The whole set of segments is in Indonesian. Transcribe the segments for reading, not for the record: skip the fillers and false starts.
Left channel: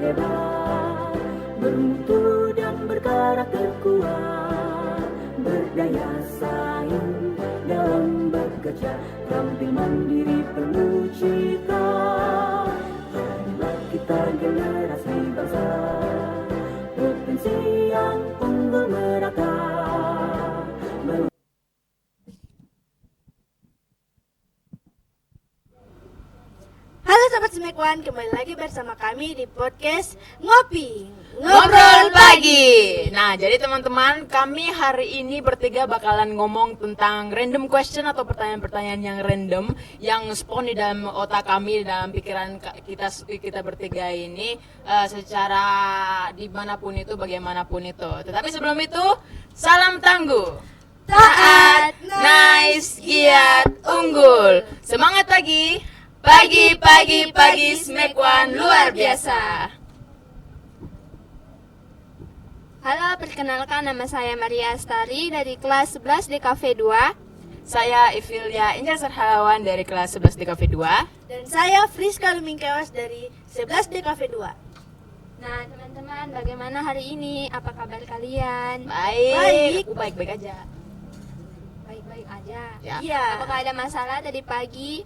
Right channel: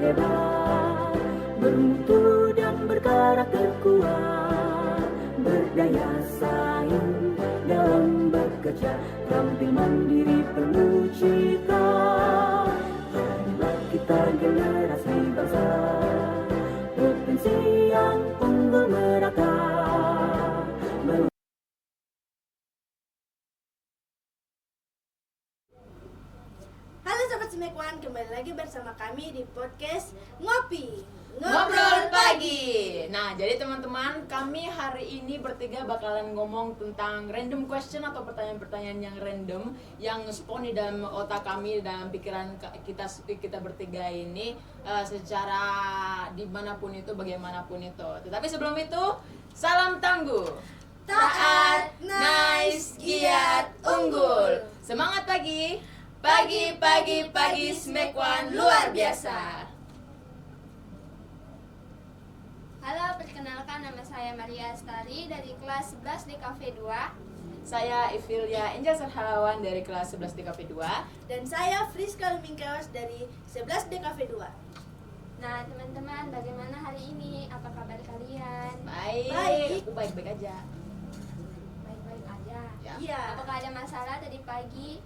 hebat, bermutu dan berkarakter kuat, berdaya saing dalam bekerja, tampil mandiri penuh cita. Inilah kita generasi bangsa, potensi yang unggul merata. Halo Sobat Semekuan, kembali lagi bersama kami di podcast Ngobrol Pagi. Nah, jadi teman-teman, kami hari ini bertiga bakalan ngomong tentang random question atau pertanyaan-pertanyaan yang random yang spawn di dalam otak kami, dalam pikiran kita bertiga ini, secara dimanapun itu, bagaimanapun itu. Tetapi sebelum itu, salam tangguh, Taat, nice, giat, unggul. Semangat pagi, pagi Semekuan luar biasa. Halo, perkenalkan nama saya Maria Astari dari kelas 11 di Cafe 2. Saya Ivilia Injar Sarhawan dari kelas 11 di Cafe 2. dan saya Friska Lumingkewas dari 11 DKV 2. Nah, teman-teman, bagaimana hari ini? Apa kabar kalian? Baik. Aku baik-baik aja. Baik-baik aja. Ya. Iya. Apakah ada masalah tadi pagi?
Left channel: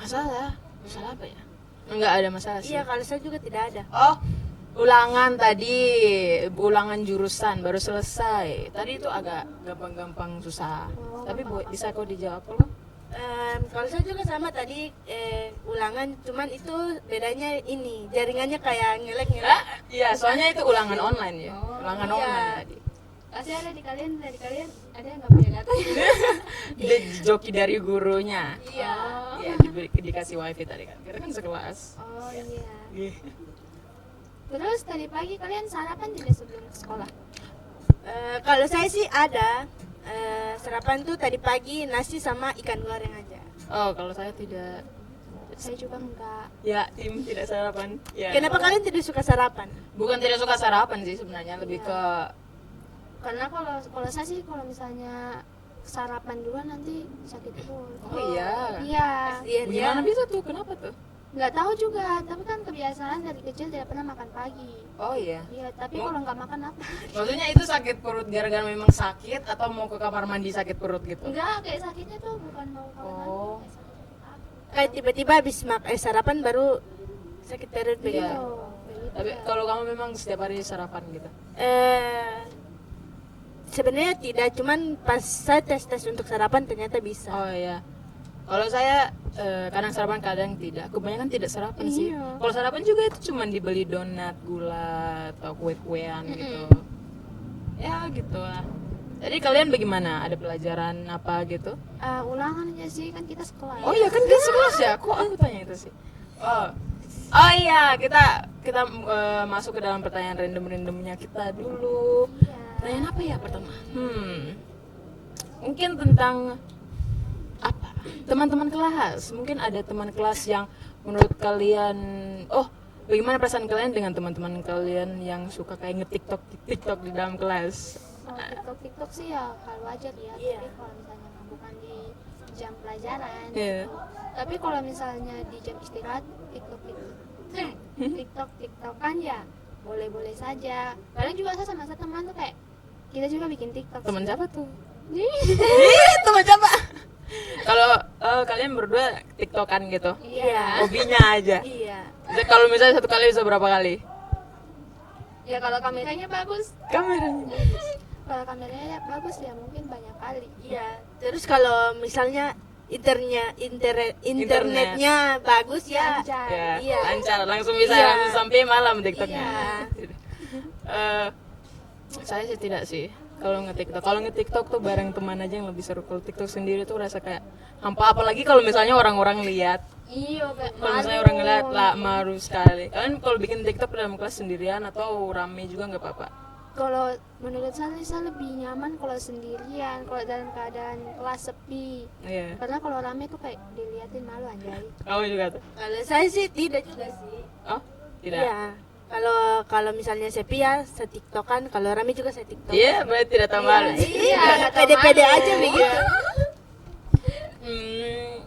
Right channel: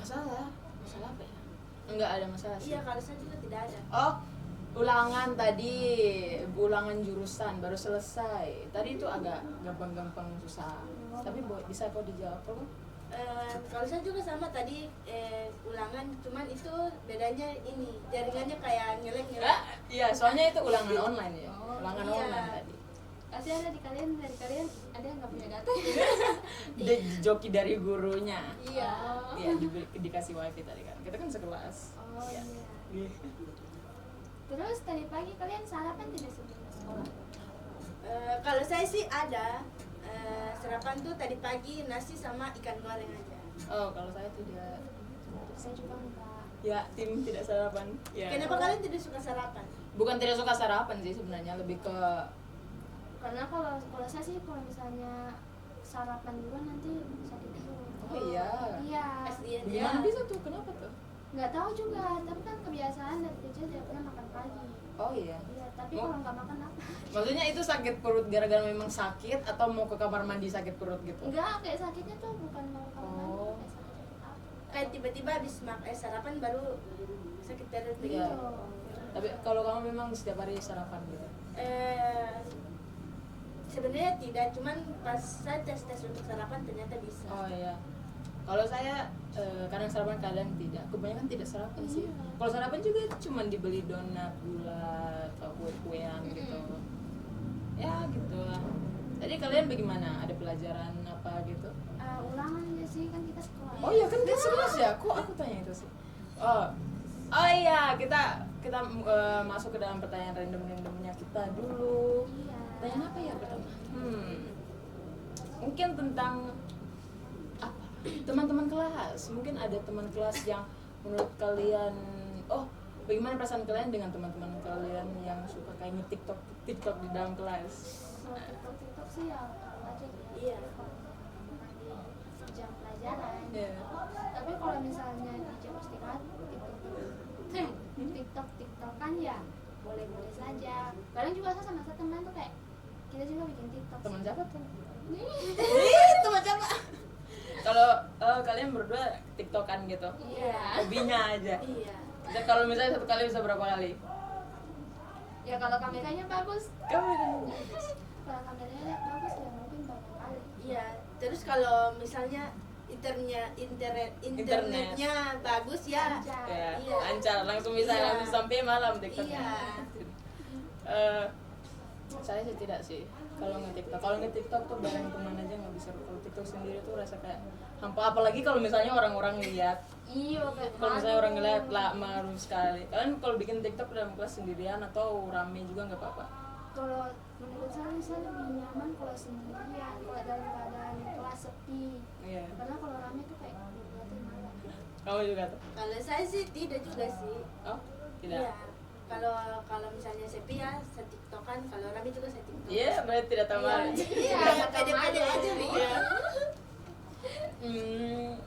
Masalah apa ya? Enggak ada masalah sih. Iya, kalau saya juga tidak ada. Oh, ulangan tadi, ulangan jurusan baru selesai. Tadi itu agak gampang-gampang susah. Tapi bisa kok dijawab kok. Kalau saya juga sama tadi ulangan, cuman itu bedanya ini jaringannya kayak ngelek-ngelek. Iya, soalnya itu ulangan online ya. Ulangan iya. online tadi. Pasti ada dari kalian ada yang nggak punya data? Dia joki dari gurunya. Iya. Iya, dikasih wifi tadi kan. Kita kan sekelas. Oh iya. Iya. Terus tadi pagi kalian sarapan tidak sebelum sekolah? Kalau saya sih ada sarapan tuh tadi pagi nasi sama ikan goreng aja. Oh, kalau saya tidak. Saya juga enggak. Ya, tim tidak sarapan. Ya. Kenapa kalian tidak suka sarapan? Bukan tidak suka sarapan sih sebenarnya, lebih ke Karena kalau saya sih kalau misalnya sarapan duluan nanti sakit perut. oh iya. Iya. Kasian ya. Gimana bisa tuh? Kenapa tuh? Nggak tahu juga, tapi kan kebiasaan dari kecil tidak pernah makan pagi. Oh iya. Iya, tapi Oh. kalau nggak makan apa? Maksudnya itu sakit perut gara-gara memang sakit atau mau ke kamar mandi sakit perut gitu? Enggak, kayak sakitnya tuh bukan mau kawan Oh. kayak sakit apa. Kayak tiba-tiba habis sarapan baru sakit perut Iya. begitu. Tapi kalau kamu memang setiap hari sarapan gitu? Sebenarnya tidak, cuman pas saya tes untuk sarapan ternyata bisa. Oh iya. Kalau saya kadang sarapan kadang tidak. Kebanyakan tidak sarapan sih. Iya. Kalau sarapan juga itu cuma dibeli donat, gula atau kue-kuean gitu. Ya gitu lah. Jadi kalian bagaimana? Ada pelajaran apa gitu? Ulangan aja sih, kan kita sekolah. Oh iya kan dia sekelas ya? Kok aku tanya itu sih? Oh iya, kita masuk ke dalam pertanyaan randomnya kita dulu. Iya. Pertanyaan apa ya pertama? Mungkin tentang apa? Teman-teman kelas. Mungkin ada teman kelas yang menurut kalian, bagaimana perasaan kalian dengan teman-teman kalian yang suka kayak nge-TikTok di dalam kelas? TikTok sih ya kalau aja ya. Iya. Tapi kalau misalnya bukan di jam pelajaran. Iya. Tapi kalau misalnya di jam istirahat ikut TikTok kan ya boleh-boleh saja. Kadang juga saya sama teman tuh kayak kita juga bikin TikTok. Teman siapa tuh? Ih, Teman siapa? Kalau kalian berdua TikTokan gitu? Iya. Hobinya aja. Iya. Jadi kalau misalnya satu kali bisa berapa kali? Ya kalau kameranya bagus. Kameranya. Kalau kameranya bagus ya mungkin banyak kali. Iya. Terus kalau misalnya internetnya bagus ya. Lancar. Ya, Iya. lancar langsung bisa Iya. langsung sampai malam TikToknya. Iya. Saya sih tidak sih. Kalau nge-TikTok tuh bareng teman aja yang lebih seru. Kalau TikTok sendiri tuh rasa kayak hampa, apalagi kalau misalnya orang-orang lihat. Iya, kayak Kalau misalnya orang ngeliat lah malu sekali. Kalian kalau bikin TikTok dalam kelas sendirian atau rame juga nggak apa-apa? kalau menurut saya lebih nyaman kalau sendirian, kalau dalam keadaan kelas sepi. Iya. Karena kalau rame tuh kayak dilihatin malu aja. Kamu juga tuh? Kalau saya sih tidak juga sih. Oh, tidak. Iya. Kalau misalnya sepi ya setiktokan, kalau rame juga setiktok. Iya, berarti tidak tahu malu. Iya, nggak tahu pede-pede malu. aja begitu.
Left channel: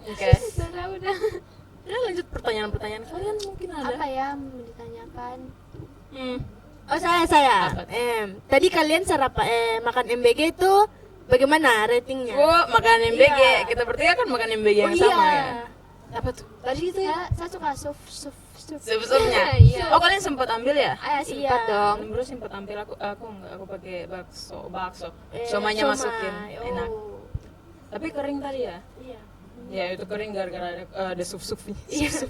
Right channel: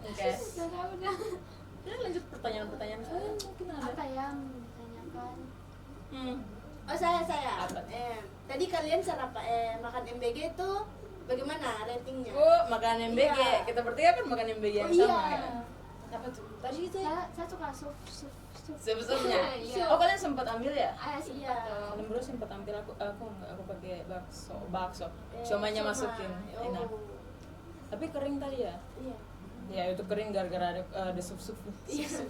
Oke. Udah. Ya lanjut pertanyaan-pertanyaan kalian mungkin ada. Apa ya mau ditanyakan? Oh saya. Apa? Tadi kalian makan MBG itu bagaimana ratingnya? Makan MBG. Iya. Kita bertiga kan makan MBG yang sama ya. Apa tuh? Tadi itu ya? Saya suka sup. Sebelumnya. Iya. Oh kalian sempat ambil ya? Sempat dong. Dulu sempat ambil aku enggak, aku pakai bakso. Somanya masukin. Enak. Tapi kering tadi ya? Iya. Ya itu kering gara-gara ada sup-supnya. Iya.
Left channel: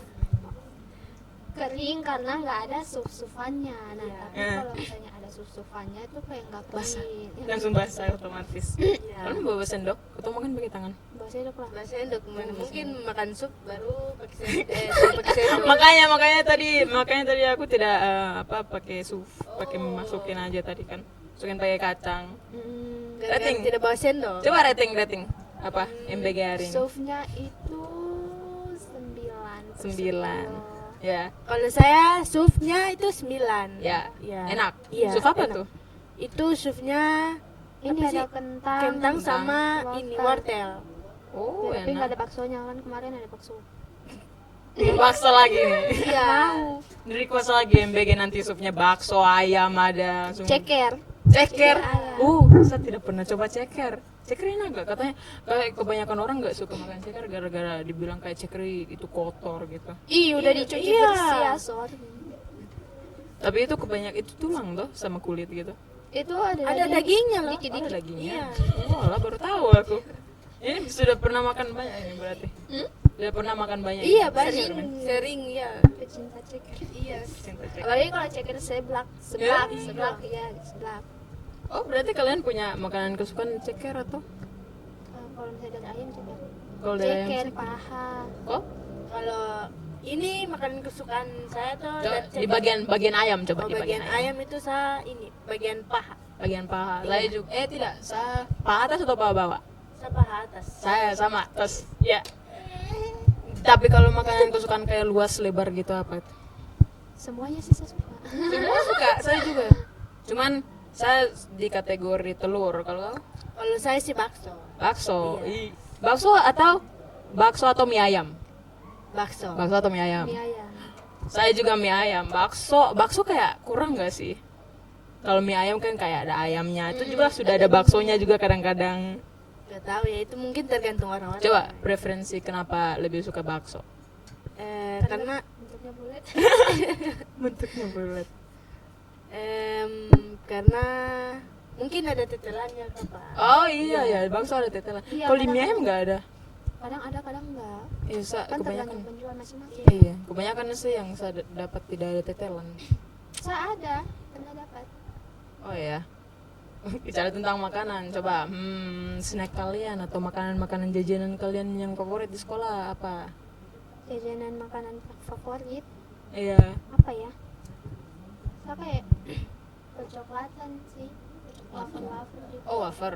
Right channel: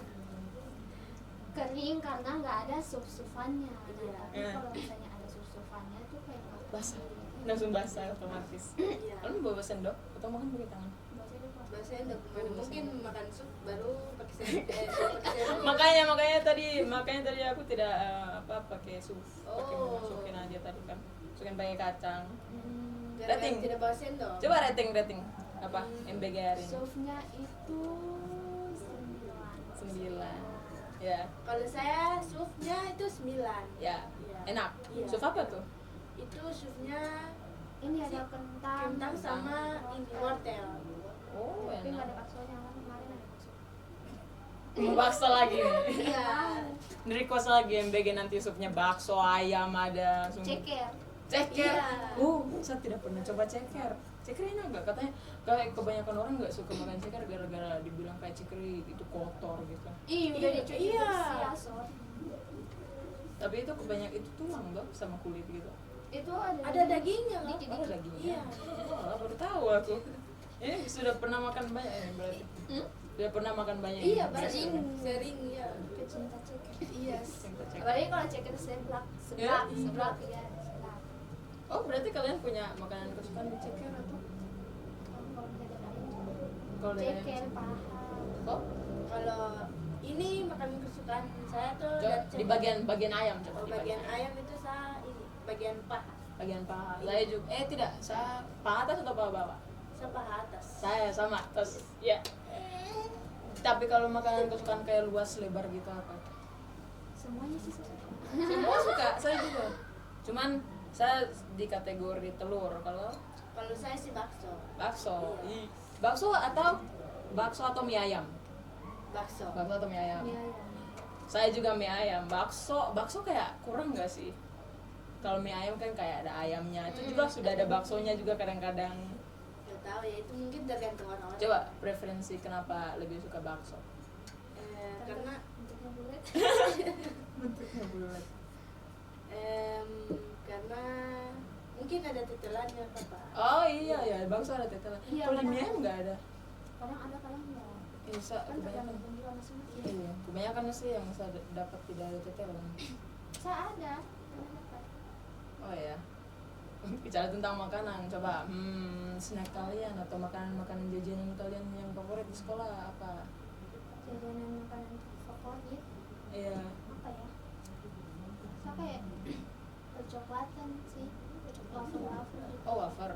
Kering karena nggak ada sup-supannya. Nah, Iya. tapi kalau misalnya ada sup-supannya itu kayak nggak Basah. kering. Langsung basah otomatis. Iya. Kalian bawa sendok atau makan pakai tangan? Bahasanya udah kurang. Bahasanya untuk mungkin makan sup baru pakai sendok. makanya tadi aku tidak pakai pakai masukin aja tadi kan. Masukin pakai kacang. Rating. Tidak bawa sendok. Coba rating apa MBG hari ini? Supnya itu 9. 9. Ya. Kalau saya supnya itu 9. Ya. Iya. Enak. Iya. Sup apa Enak. tuh? Itu supnya Ini apa sih? ada kentang, Kentang sama wortel. ini wortel. Oh, Tapi nggak ada enak. baksonya kan kemarin ada bakso. Bakso lagi nih. Iya. Dari kuasa lagi MBG nanti supnya bakso, ayam ada. Semua. Ceker. Ceker. Iya. Saya tidak pernah coba ceker. Ceker enak gak? Katanya kayak kebanyakan orang nggak suka makan ceker gara-gara dibilang kayak ceker itu kotor gitu. Udah dicuci Iya. bersih ya, sorry. Tapi itu kebanyakan itu tulang loh sama kulit gitu. Itu ada Ada dagingnya loh. Oh, dagingnya. Iya. Oh, lah baru tahu aku. Ini sudah pernah makan banyak ini berarti. Sudah pernah makan banyak. Iya, ini? banyak. Sering ya. pecinta ceker. Iya. Cinta ceker. Apalagi kalau ceker seblak, Ya? seblak ya, seblak. Oh, berarti kalian punya makanan kesukaan ceker atau? Kalau misalnya dari ayam juga. Kalau dari ayam Ceker, sih? paha. Oh, Kalau ini makanan kesukaan saya tuh coba di bagian ayam coba Oh, di bagian ayam itu saya ini bagian paha. bagian paha. Saya juga tidak, saya paha atas atau paha bawah? Saya paha atas. Saya sama terus ya. Tapi kalau makanan kesukaan kayak luas lebar gitu apa? Semuanya sih saya suka. Semua suka, saya juga. Cuman saya di kategori telur. Kalau Kalau saya sih bakso. bakso, Iya. bakso atau mie ayam? Bakso. Bakso atau mie ayam? Iya ya. Saya juga mie ayam. Bakso kayak kurang nggak sih? Kalau mie ayam kan kayak ada ayamnya. Itu juga sudah ada baksonya juga kadang-kadang. Gak tahu ya, itu mungkin tergantung orang-orang. Coba preferensi kenapa lebih suka bakso? Karena Bentuknya bulat. Bentuknya bulat. karena mungkin ada tetelannya apa. Oh iya ya, bakso ada tetelan. Iya, Kalau di mie kadang- ayam nggak ada. Kadang ada, kadang enggak. Iya, Kan kebanyakan. tergantung penjual masing-masing. Iya, kebanyakan sih yang saya dapat tidak ada tetelan. Saya ada, pernah dapat. Oh ya. Bicara tentang makanan, coba snack kalian atau makanan-makanan jajanan kalian yang favorit di sekolah apa? Jajanan makanan favorit Iya. apa ya? Saya kayak percoklatan sih, wafer-wafer gitu. Oh, wafer.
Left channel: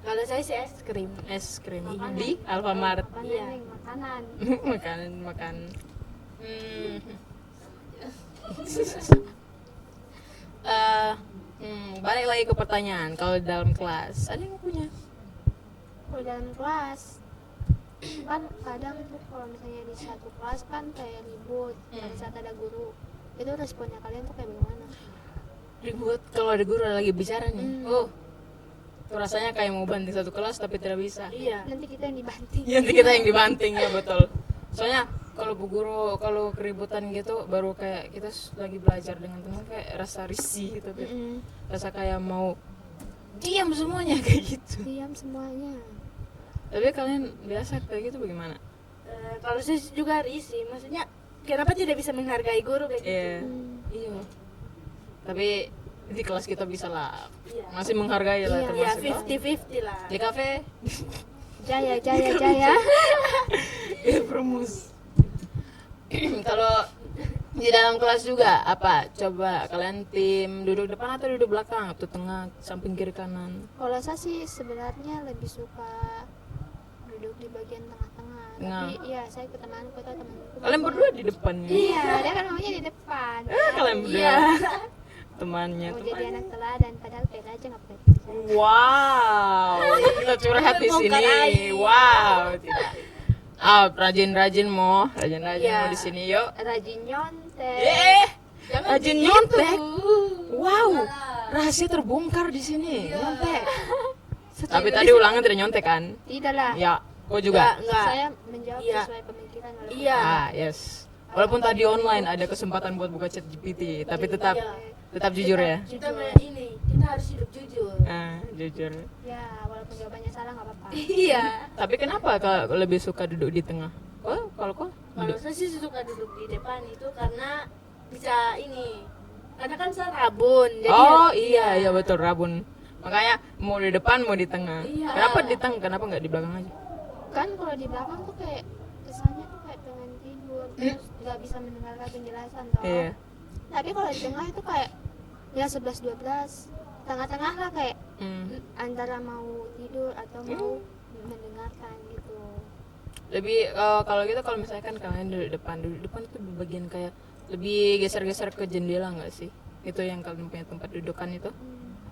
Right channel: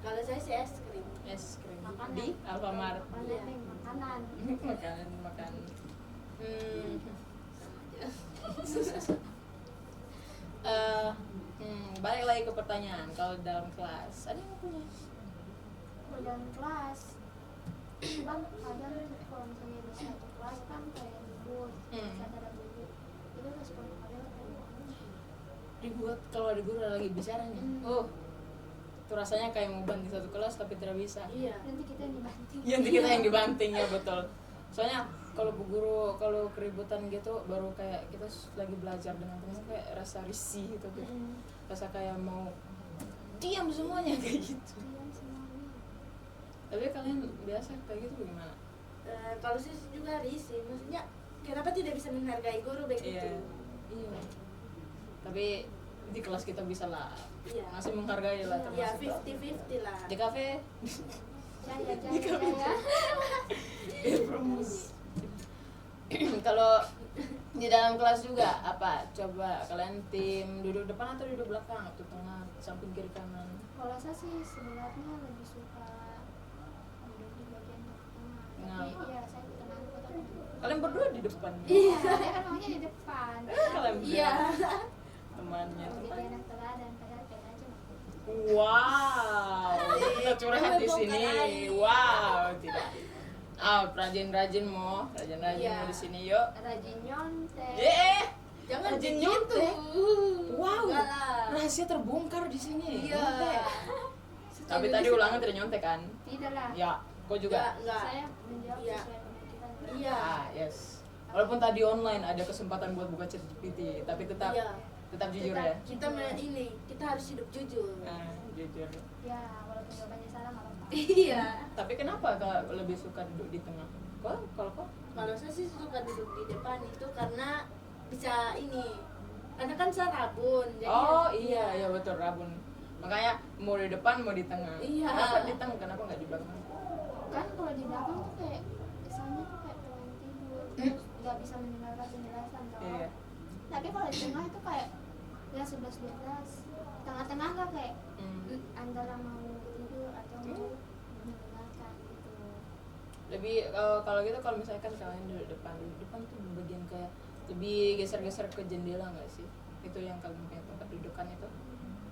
Kalau saya sih es krim. Es krim Makanan. di Alfamart. Makanan, Iya. Neng, makanan. makan. Balik lagi ke pertanyaan. Kalau di dalam kelas, ada yang punya? Kalau dalam kelas kan kadang kalau misalnya di satu kelas kan kayak ribut saat ada guru, itu responnya kalian tuh kayak gimana? Ribut kalau ada guru lagi bicara nih. Oh, itu rasanya kayak mau banting satu kelas tapi tidak bisa. Iya. Nanti kita yang dibanting. Iya, nanti kita yang dibanting ya, betul. Soalnya kalau bu guru kalau keributan gitu baru kayak kita lagi belajar dengan teman kayak rasa risih gitu tuh. Rasa kayak mau diam semuanya kayak gitu. Diam semuanya. Tapi kalian biasa kayak gitu bagaimana? Kalau saya juga risih, maksudnya kenapa tidak bisa menghargai guru begitu? Iya. Iya. Tapi di kelas kita bisa lah. Iya. Masih menghargai lah Iya. Ya termasuk. 50-50 lah. Di kafe Jaya, jaya, jaya. Promus. Kalau di dalam kelas juga apa? Coba kalian tim duduk depan atau duduk belakang atau tengah, samping kiri kanan? Kalau saya sih sebenarnya lebih suka duduk di bagian tengah-tengah. Nah. Tapi iya, saya ikut temanku atau temanku. Kalian berdua di depan. Iya, dia kan namanya di depan. Kalian berdua. Iya. Temannya. Mau jadi anak teladan, padahal kayak aja ngapain. Wow. Kita curhat di sini. Wow. Tidak. Rajin-rajin Iya. mau di sini yuk. Rajin nyontek. Jangan rajin begitu. nyontek. Wow, Enggak lah. rahasia terbongkar di sini. Iya. Nyontek. Tapi tadi ulangan tidak nyontek kan? Tidak lah. Ya, kau juga. Enggak. Saya menjawab Iya. sesuai pemikiran. Iya. Ah, yes. Walaupun tadi online ada kesempatan buat buka chat GPT, tapi tetap Iya. tetap jujur ya. Kita ini, kita harus hidup jujur. Jujur. Ya, walaupun jawabannya salah nggak apa-apa. Iya. Tapi kenapa kau lebih suka duduk di tengah? Kalau kau? Kalau saya sih suka duduk di depan itu karena bisa ini. Karena kan saya rabun. Jadi Oh ya- iya betul rabun. Makanya mau di depan mau di tengah. Iya. Kenapa di tengah? Kenapa nggak di belakang aja? Kan kalau di belakang tuh kayak kesannya tuh kayak pengen tidur, terus nggak bisa mendengarkan penjelasan toh. Iya. Tapi kalau di tengah itu kayak ya 11-12, tengah-tengah lah kayak antara mau tidur atau mau mendengarkan gitu. Lebih kalau gitu kalau misalkan kalian duduk depan tuh bagian kayak lebih geser-geser ke jendela nggak sih? Itu yang kalian punya tempat dudukan itu?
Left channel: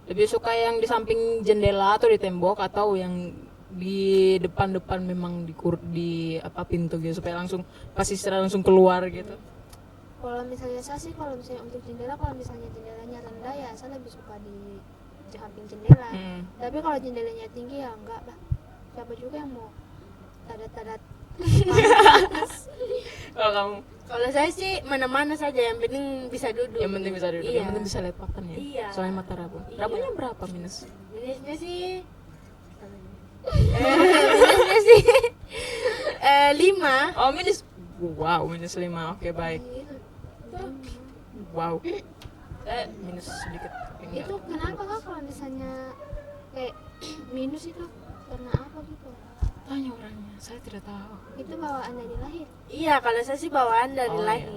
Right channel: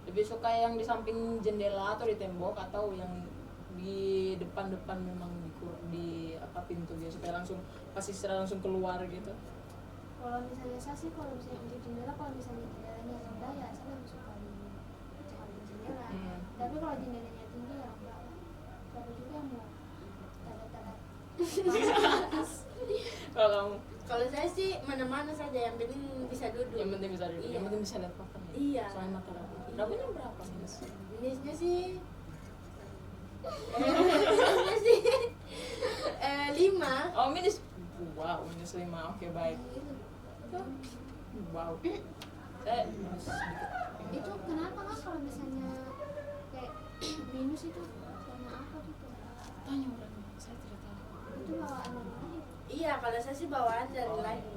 Lebih suka yang di samping jendela atau di tembok atau yang di depan memang di apa pintu gitu supaya langsung pas istirahat langsung keluar gitu? Kalau misalnya saya sih kalau misalnya untuk jendela, kalau misalnya jendelanya rendah ya saya lebih suka di samping jendela. Tapi kalau jendelanya tinggi ya enggak lah. Siapa juga yang mau tadat-tadat. Kalau kamu? Kalau saya sih mana-mana saja yang penting bisa duduk. Yang penting bisa duduk, Iya. yang penting bisa lihat papan ya. Iya. Soalnya mata rabu. Iya. Rabunya berapa minus? Minusnya sih minusnya sih 5. Oh minus. Wow minus 5. Oke baik. Wow. Saya minus sedikit. Itu kenapa kak kalau misalnya kayak minus itu karena apa gitu? Tanya orangnya, saya tidak tahu. Itu bawaan dari lahir. Iya, kalau saya sih bawaan dari Oh, lahir.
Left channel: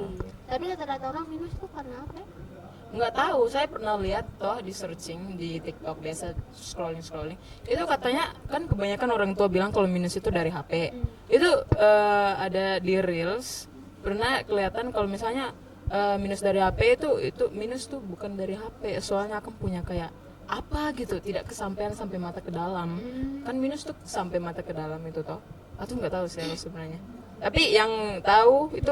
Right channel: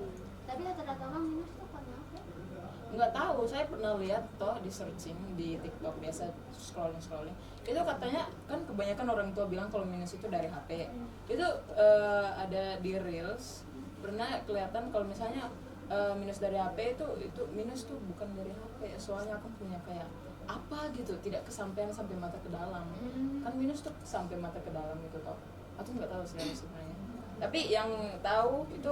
Tapi rata-rata orang minus itu karena apa? Nggak tahu, saya pernah lihat toh di searching di TikTok biasa scrolling. Itu katanya kan kebanyakan orang tua bilang kalau minus itu dari HP. Itu ada di Reels pernah kelihatan kalau misalnya minus dari HP itu minus tuh bukan dari HP, soalnya aku punya kayak apa gitu tidak kesampaian sampai mata ke dalam. Kan minus tuh sampai mata ke dalam itu toh. Aku nggak tahu sih sebenarnya. Tapi yang tahu itu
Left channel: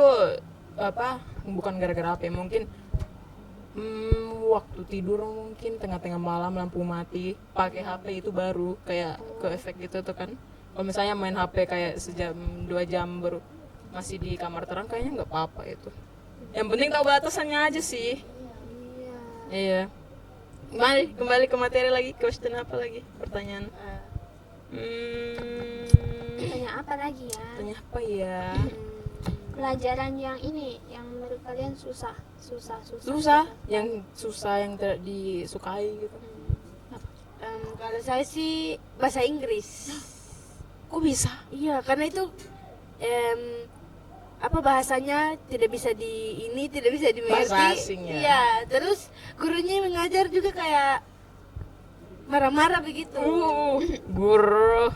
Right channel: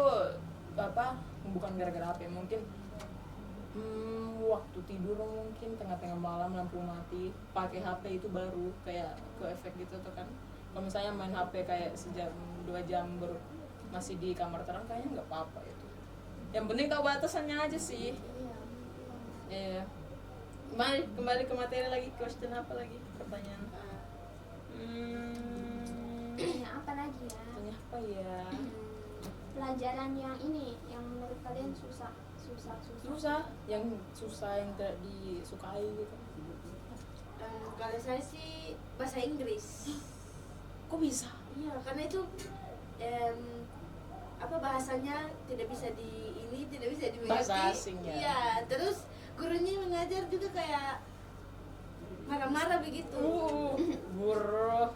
apa bukan gara-gara HP, mungkin waktu tidur mungkin tengah-tengah malam lampu mati pakai HP itu baru kayak ke efek gitu tuh kan. Kalau misalnya main HP kayak sejam 2 jam baru masih di kamar terang kayaknya nggak apa-apa itu. Yang penting tahu batasannya aja sih. Iya. Kembali ke materi lagi, question apa lagi? Pertanyaan. Tanya apa lagi ya? Tanya apa ya? Pelajaran yang ini yang menurut kalian susah. Yang susah yang tidak disukai gitu. Kalau saya sih bahasa Inggris. Kok bisa? Iya, karena itu apa bahasanya tidak bisa tidak bisa dimengerti. Bahasa asing ya? Iya, terus gurunya mengajar juga kayak marah-marah begitu. Guru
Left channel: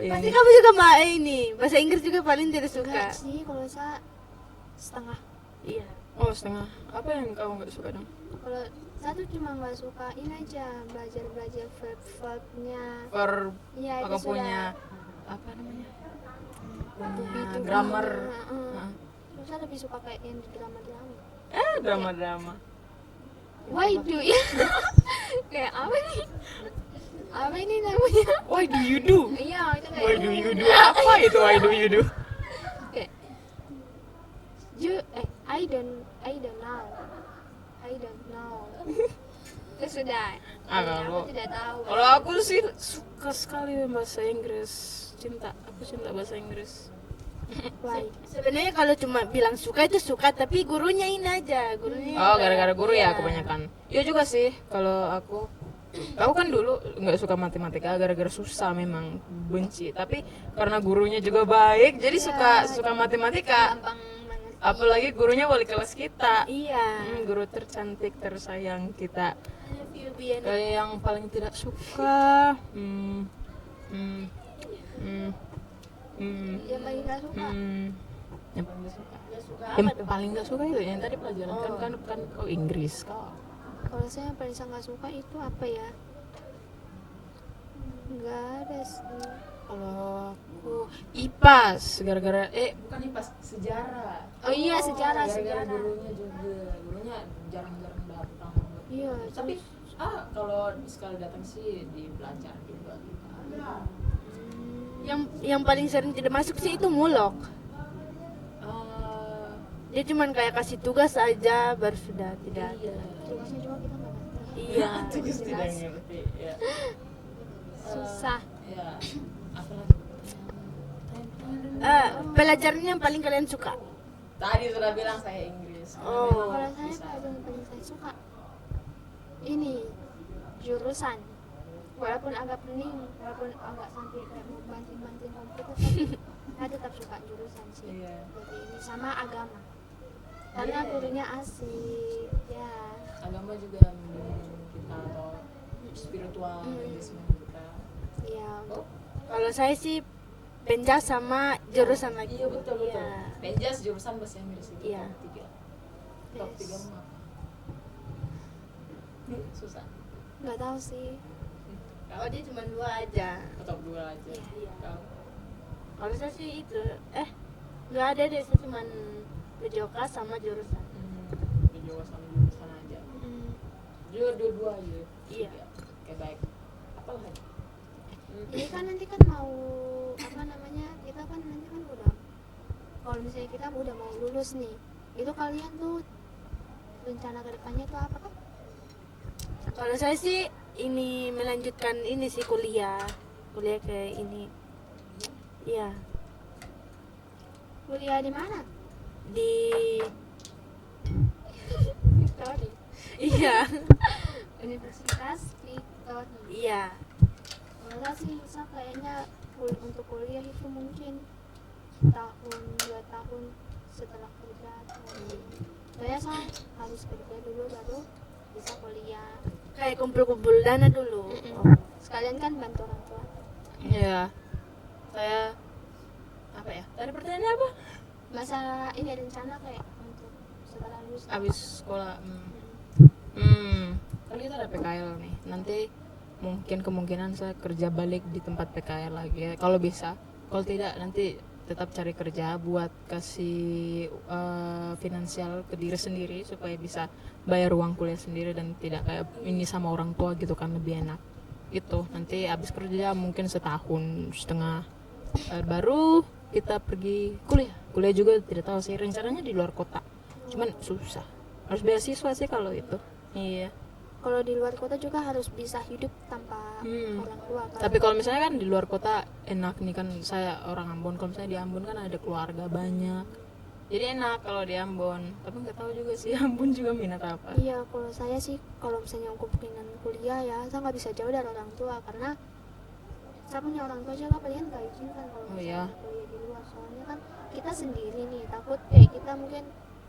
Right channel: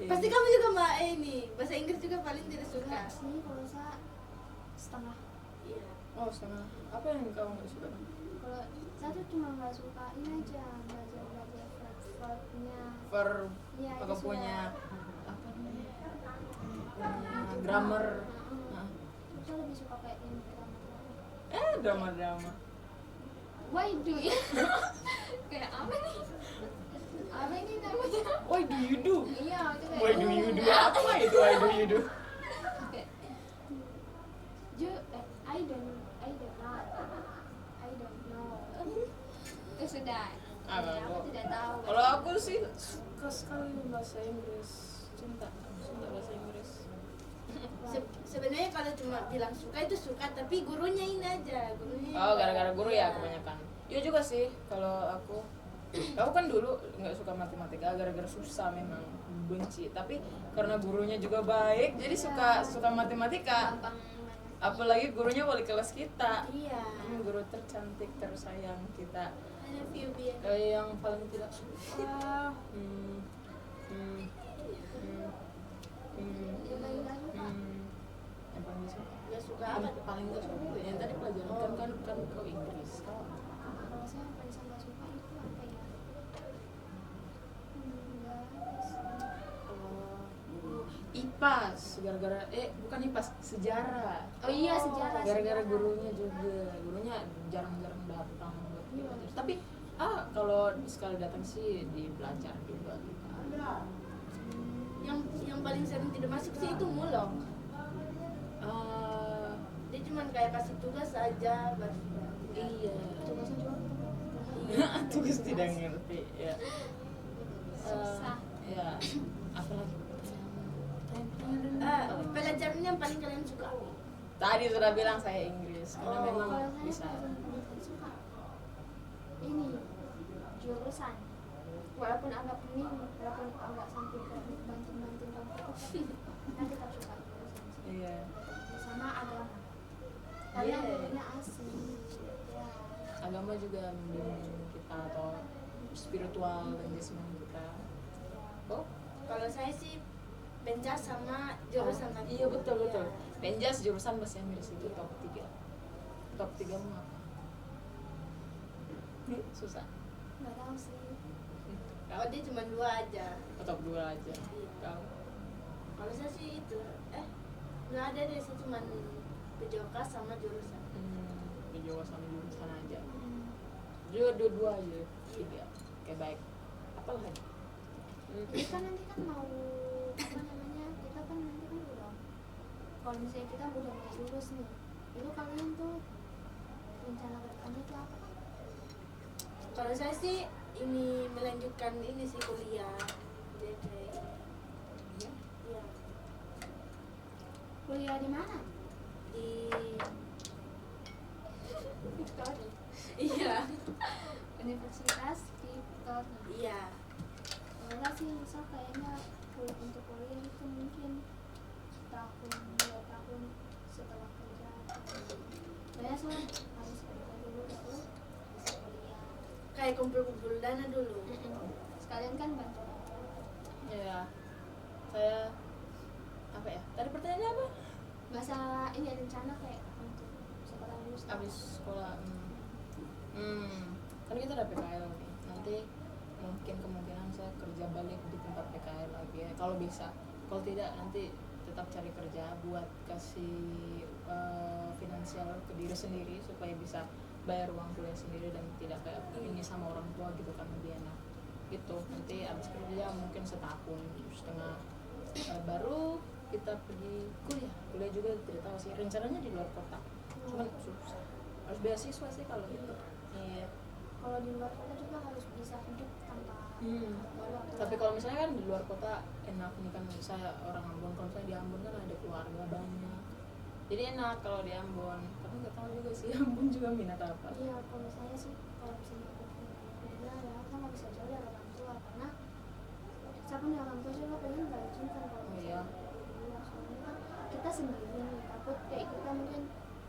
ini. Pasti kamu juga ini bahasa Inggris juga paling tidak suka. Enggak sih, kalau saya setengah. Iya. Oh setengah. Apa yang kamu nggak suka dong? Kalau saya tuh cuma nggak suka ini aja belajar verb-verbnya. Verb. Iya itu Aku sudah. punya apa namanya? Grammar. Nah. Saya lebih suka kayak yang drama-drama. Drama-drama. Why do you? Kayak apa nih? Apa ini namanya? Why do you do? Iya, itu kayak Why do you do? Apa itu why do you do? kayak I don't know. Itu sudah. Aku tidak tahu. Kalau aku sih suka sekali bahasa Inggris. Aku cinta bahasa Inggris. Sebenarnya kalau cuma bilang suka itu suka, tapi gurunya ini aja, gurunya. Oh, gara-gara guru ya Iya. kebanyakan. Iya juga sih kalau aku kan dulu nggak suka matematika gara-gara susah memang benci. Tapi karena gurunya juga baik, jadi suka matematika. Gampang banget. Apalagi gurunya wali kelas kita. Iya. Guru tercantik, tersayang kita. I love you, Bian. Yang paling tidak suka. Yang lagi nggak suka. Yang paling gak suka. Gak suka Yang apa? paling gak suka itu yang tadi pelajaran kan kau Inggris. Kalau saya yang paling nggak suka itu apa ya? Nggak ada sih. Kalau aku IPAS gara-gara bukan IPAS, sejarah. Oh iya, sejarah. Gara-gara gurunya juga. Gurunya jarang-jarang datang. Iya. Tapi kalau sekali datang sih dipelajari juga kita. Yang paling sering tidak masuk sih itu mulok. Dia cuman kayak kasih tugas aja baru sudah tidak. Iya. Tugasnya juga kita nggak ngerti. Iya. Tugas tidak ngerti. Ya. Susah. Ya. Apalagi? Pelajarannya yang paling kalian suka. Tadi sudah bilang saya Inggris. Karena Oh. memang Kalau saya bisa. paling saya suka ini jurusan. Walaupun agak pening, walaupun agak sampai kayak banting-banting rambut, tapi saya tetap suka jurusan sih. Iya. Sama agama. Karena Iya. gurunya asik, ya. Agama juga membimbing kita atau spiritual engagement kita. Ya. Oh, Kalau saya sih penjas sama jurusan lagi. iya betul. Iya. Penjas jurusan bahasa Inggris itu Iya. top 3. Top 3 mau apa? Susah. Nggak tahu sih. Oh dia cuma 2 aja. Top 2 aja. Iya. Kau? Kalau saya sih itu nggak ada deh, saya cuma video kelas sama jurusan. Video sama jurusan aja. Dua-dua aja. Iya. Oke, baik. Apa lagi? Jadi kan nanti kan mau apa namanya, kita kan nanti kan udah, kalau misalnya kita udah mau lulus nih, itu kalian tuh rencana ke depannya tuh apa kan? Kalau saya sih ini melanjutkan ini sih kuliah ke ini. Iya. Kuliah di mana? Di Victoria. iya. Universitas Victoria. Iya. Enggak sih, saya kayaknya untuk kuliah itu mungkin tahun 2 tahun setelah kerja. Saya harus kerja dulu baru bisa kuliah. Kayak kumpul-kumpul dana dulu. Sekalian kan bantu orang tua. Iya. Saya apa ya? Tadi pertanyaannya apa? Masa ini ada rencana kayak untuk setelah lulus Abis sekolah. Kan kita ada PKL nih. Nanti mungkin kemungkinan saya kerja balik di tempat PKL lagi ya. Kalau bisa. Kalau tidak nanti tetap cari kerja buat kasih finansial ke diri sendiri supaya bisa bayar uang kuliah sendiri dan tidak kayak ini sama orang tua gitu kan, lebih enak. Itu nanti habis kerja mungkin setahun setengah baru kita pergi kuliah juga tidak tahu sih, rencananya di luar kota, cuman susah, harus beasiswa sih kalau itu. Iya. kalau di luar kota juga harus bisa hidup tanpa orang tua. Tapi kalau misalnya kan di luar kota enak nih, kan saya orang Ambon, kalau misalnya di Ambon kan ada keluarga banyak, jadi enak kalau di Ambon. Tapi nggak tahu juga sih Ambon juga minat apa. Iya, kalau saya sih kalau misalnya aku pengen kuliah ya, saya nggak bisa jauh dari orang tua karena saya punya orang tua juga pengen nggak izinkan kalau Oh iya. kuliah di luar. Soalnya kan kita sendiri nih, takut kayak kita mungkin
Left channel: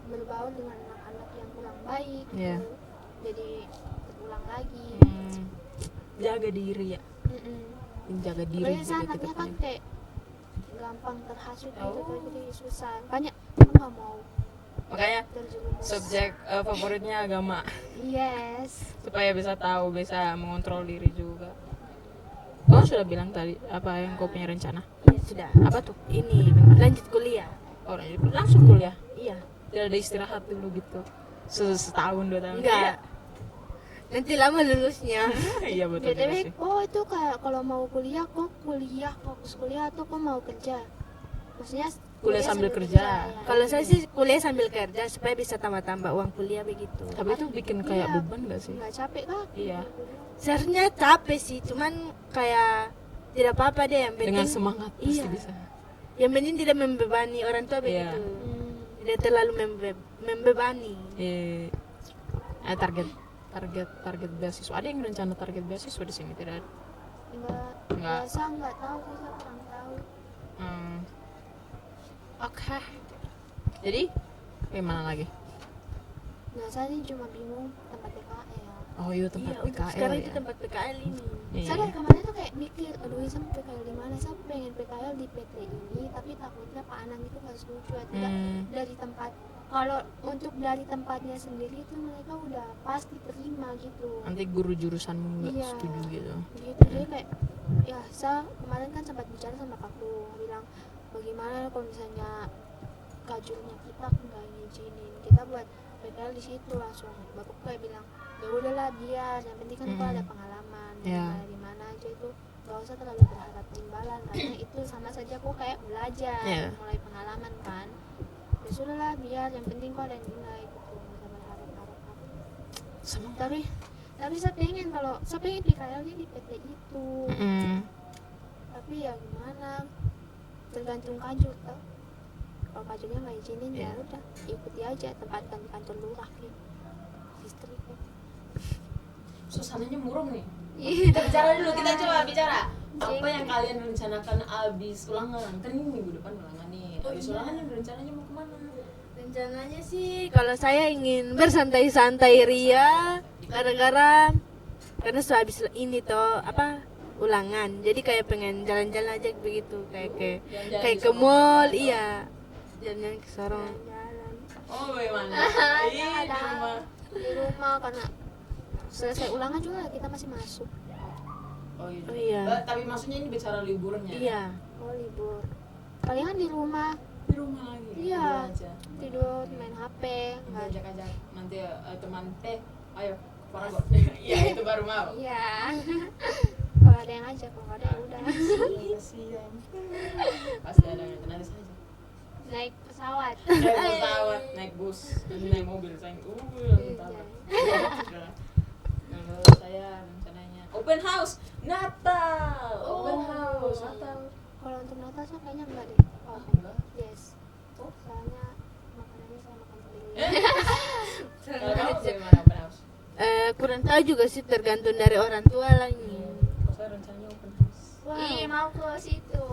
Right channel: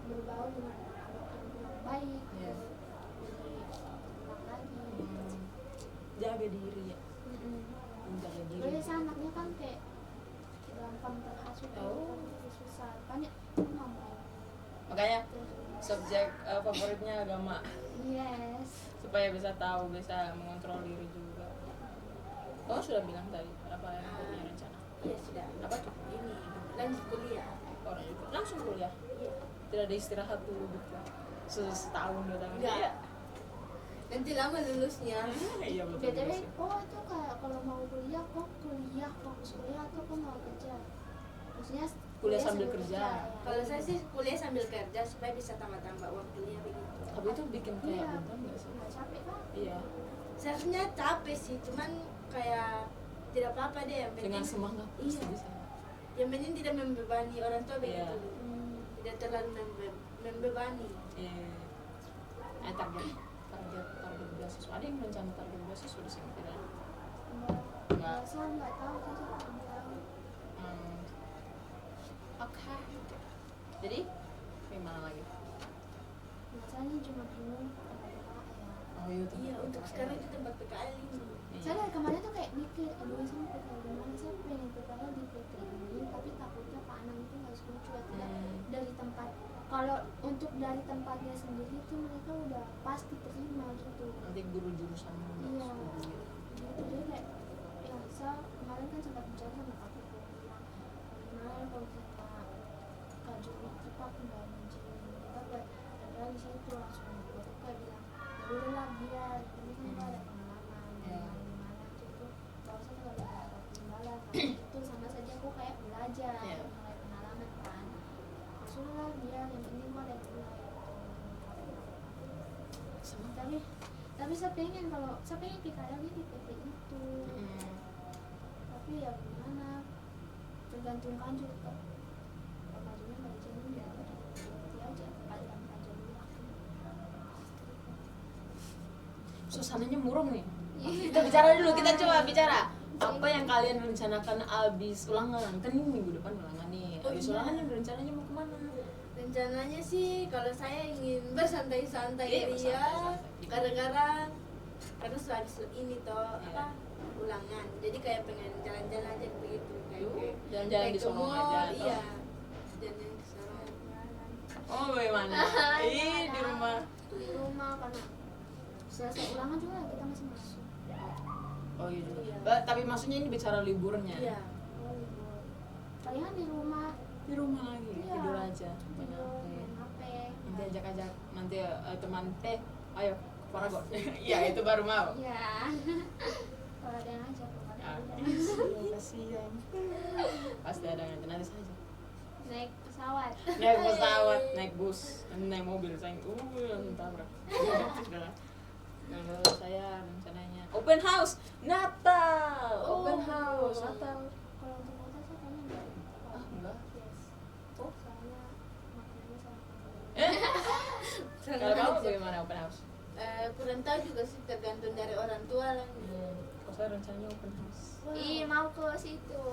berbaur dengan anak-anak yang kurang baik. Iya. Jadi ulang lagi. Jaga diri ya, jaga diri Soalnya juga saya ke anaknya kan depan. kayak gampang terhasut gitu, Oh. jadi susah. Banyak aku nggak mau Makanya terjerumus. subjek favoritnya agama Yes. supaya bisa tahu, bisa mengontrol diri juga. Oh sudah bilang tadi apa yang kau punya rencana? Iya sudah. Apa tuh? Ini lanjut kuliah. Oh langsung kuliah, Iya. tidak ada istirahat dulu gitu setahun 2 tahun? Enggak. Nanti lama lulusnya. Iya betul. BTW, sih. itu kayak kalau mau kuliah, fokus kuliah atau kok mau kerja? Maksudnya Kuliah sambil kerja. ya. Kalau saya sih kuliah sambil kerja supaya bisa tambah-tambah uang kuliah begitu. Tapi itu bikin kayak Iya. beban gak sih? Nggak capek kan? Iya. Seharusnya capek sih, cuman kayak tidak apa-apa deh, yang penting Dengan semangat pasti Iya. bisa. Yang penting tidak membebani orang tua Iya. begitu. Tidak terlalu membebani. Target beasiswa. Ada yang rencana target beasiswa di sini tidak ada? Nggak. Saya nggak tahu sih, saya nggak tahu. Oke. Jadi gimana lagi? Nah, saya ini cuma bingung tempat PKL. Oh iya tempat Iya, untuk PKL sekarang ya. itu tempat PKL ini. Iya. Saya dari kemarin tuh kayak mikir, aduh saya PKL di mana? Saya pengen PKL di PT ini, tapi takutnya Pak Anang itu nggak setuju. Tidak dari tempat kalau untuk dari tempatnya sendiri itu mereka udah pasti terima gitu. Nanti guru jurusan nggak Iya. setuju gitu. Gitu jadi kayak ya saya kemarin kan sempat bicara sama aku bilang bagaimana kalau misalnya kajunya kita nggak ngizinin kita buat padahal di situ langsung aku kayak bilang ya udahlah biar yang penting kan kau ada pengalaman Iya. di mana aja itu gak usah terlalu berharap imbalan karena itu sama saja aku kayak belajar Iya. mulai pengalaman kan ya sudah lah biar yang penting kau ada nilai gitu. Tapi saya pengen kalau saya pengen di KL-nya di PT itu tapi ya gimana tergantung kaju kan kalau kajunya nggak izinin ya udah ikuti aja tempatkan kantor lurah gitu. Suasananya murung nih. Kita bicara dulu, kita coba bicara. Apa yang kalian rencanakan abis ulangan? Kan ini minggu depan ulangan nih. Abis ulangan rencananya mau kemana? Rencananya sih kalau saya ingin bersantai-santai ria karena sudah habis ini toh apa ulangan. Jadi kayak pengen jalan-jalan aja begitu kayak Jalan-jalan kayak di ke Sorong mall aja, iya. Jalan-jalan ke Sorong. Oh, bagaimana? Di rumah. Di rumah karena selesai ulangan juga kita masih masuk Oh iya. juga. Iya. Tapi maksudnya ini bicara liburnya. Iya. oh libur paling kan di rumah Di rumah lagi. Iya. Tidur aja. tidur main HP Nanti ajak-ajak nanti teman ayo ke Paragon. Iya, itu baru mau. iya kalau ada yang ngajak kalau ada yang udah Kasihan. Pasti ada yang nanti saja. naik pesawat Naik pesawat, naik bus, naik mobil, saya langsung tabrak. Kalau saya rencananya open house Natal, open house Natal. kalau untuk Natal tuh kayaknya enggak deh oh, Enggak. yes soalnya makanannya sama kamu Kalau kamu bagaimana open house? Kurang tahu juga sih tergantung dari orang tua lagi. Kalau saya rencananya open house. Ih, mau ke situ.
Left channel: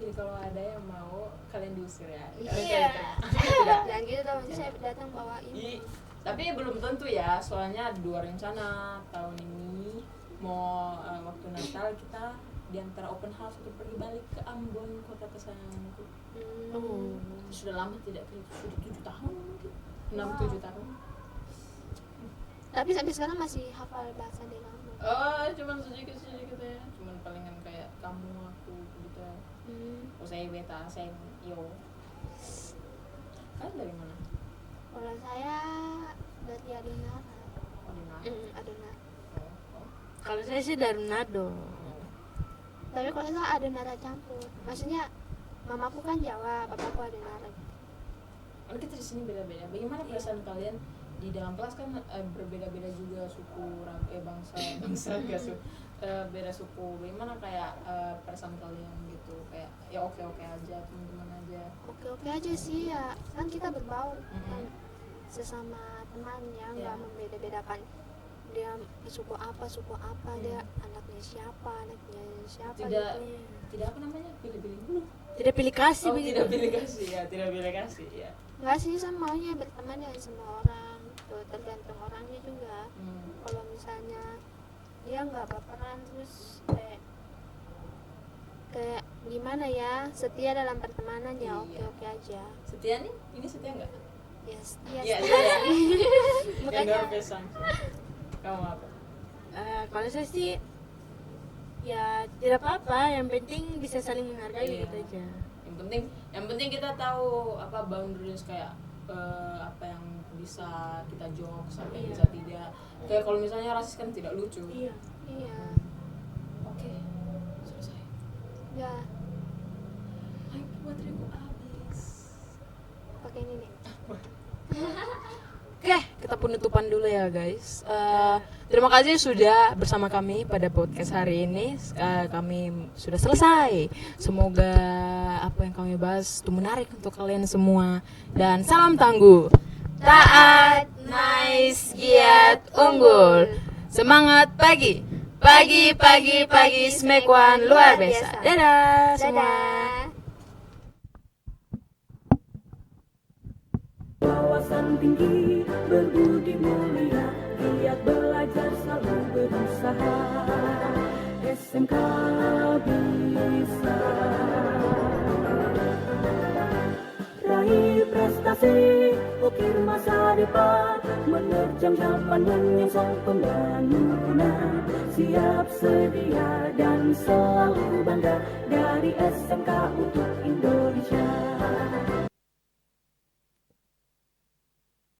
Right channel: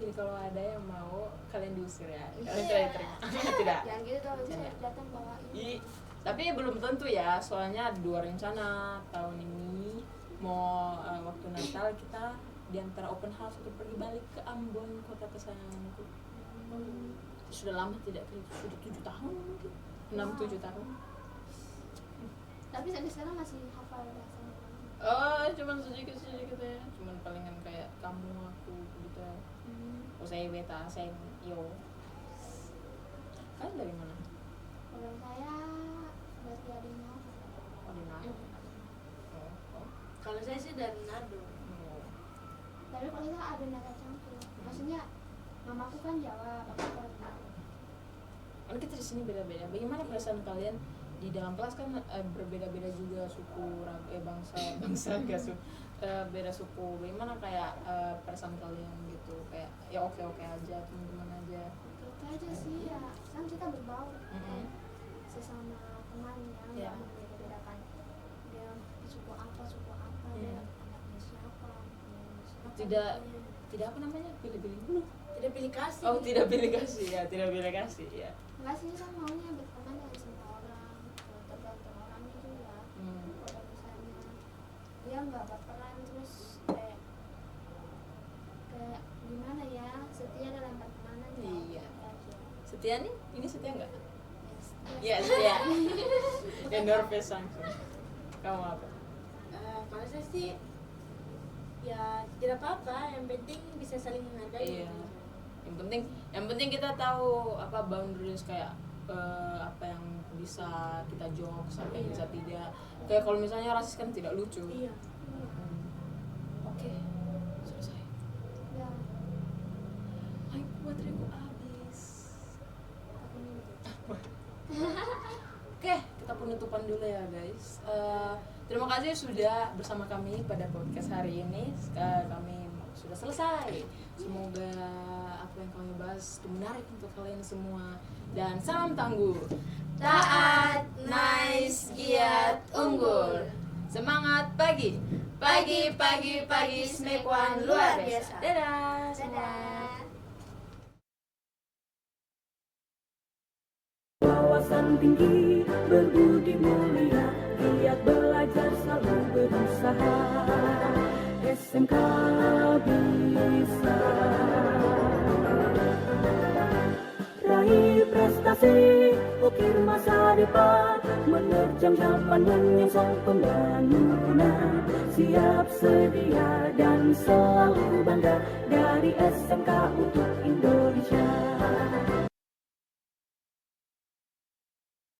Jadi kalau ada yang mau kalian diusir ya. Iya. Kalian tidak. Jangan gitu dong, nanti saya datang bawa ini. Tapi belum tentu ya, soalnya ada 2 rencana tahun ini mau waktu Natal kita di antara open house atau pergi balik ke Ambon, kota kesayanganku. Sudah lama tidak ke, sudah 7 tahun mungkin, 6-7 tahun. Tapi sampai sekarang masih hafal bahasa Denmark. Oh, cuman sedikit ya, cuman palingan kayak kamu, aku gitu. Oh, saya beta, saya yo. Kalian dari mana? Kalau saya berarti Adina. Oh, di mana? Adina. Oh. Kalau saya sih dari Manado. Tapi kalau saya ada nada campur. Maksudnya mamaku kan Jawa, bapakku ada nada. Kan kita di sini beda-beda. Bagaimana perasaan kalian di dalam kelas kan berbeda-beda juga suku, bangsa gak suku, beda suku. Bagaimana kayak perasaan kalian gitu? Kayak ya oke aja, teman-teman aja. Oke aja sih ya, kan kita berbaur Mm-mm. sesama temannya, Iya. nggak membeda-bedakan dia suku apa, dia anaknya siapa, Tidak gitu. tidak apa namanya pilih-pilih dulu. Tidak pilih kasih. Oh, begitu. tidak pilih kasih ya, tidak pilih kasih ya. Enggak sih, saya maunya berteman dengan semua orang, tergantung orangnya juga. Kalau misalnya dia nggak baperan terus kayak gimana ya, setia dalam pertemanan ya Iya. oke aja. Setia nih? Ini setia nggak? Yes, Iya, setia. Endorfes langsung. Kamu apa? Kalau saya sih ya tidak apa-apa, yang penting bisa saling menghargai Iya. gitu aja. Yang penting kita tahu apa boundaries kayak apa yang bisa kita jokes, apa yang Iya. bisa tidak. Kayak kalau misalnya rasis kan tidak lucu. Iya. Iya. Oke, selesai. Ya, Ayo bateraiku habis. pakai ini nih. Oke, kita penutupan dulu ya guys. Terima kasih sudah bersama kami pada podcast hari ini. Kami sudah selesai. Semoga apa yang kami bahas itu menarik untuk kalian semua. Dan salam tangguh. Taat, nice, giat, unggul. Semangat pagi. Pagi, smack one luar biasa. Dadah semua. Dadah. Wawasan tinggi, berbudi mulia, giat belajar selalu berusaha. SMK bisa raih prestasi. depan, menerjang zaman menyongsong pembangunan. Siap sedia dan selalu bangga dari SMK untuk